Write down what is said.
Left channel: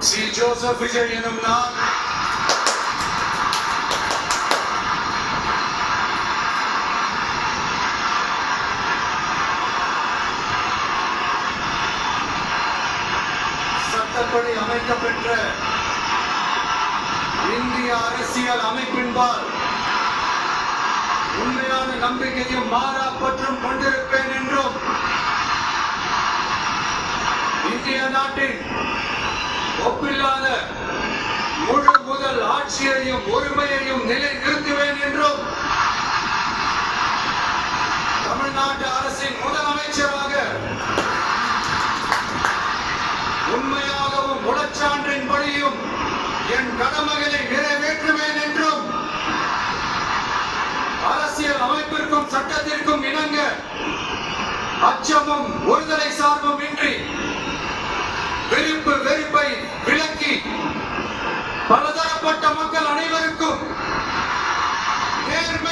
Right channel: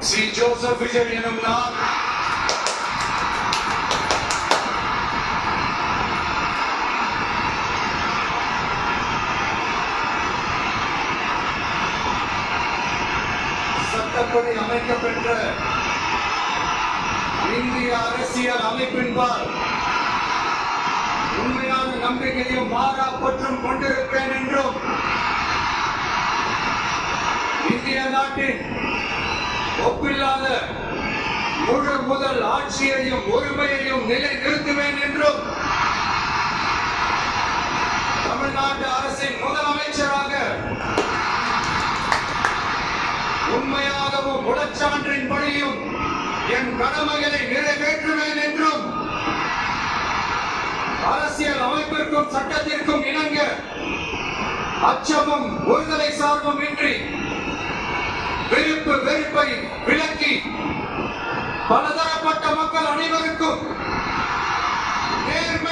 C Joseph Vijay எனும் நான் சட்டப்படி அமைக்கப்பெற்ற இந்திய அரசியல் அமைப்பின்பால் உண்மையான நம்பிக்கையும் மாறா பற்றும் கொண்டிருப்பேன் என்றும் இந்திய நாட்டின் ஒப்பில்லாத முழு முதல் ஆட்சியையும் ஒருமையையும் நிலைநிறுத்துவேன் என்றும் தமிழ்நாட்டு அரசின் முதலமைச்சராக உண்மையாகவும் உளச்சான்றின் படியும் என் கடமைகளை நிறைவேற்றுவேன் என்றும் அரசியல் அமைப்பிற்கும் சட்டத்திற்கும் இணங்க அச்சமும் ஒருதலை சார்பும் இன்றி விருப்பு வெறுப்பை விலக்கி பலதரப்பட்ட மக்கள் அனைவருக்கும் நேர்மை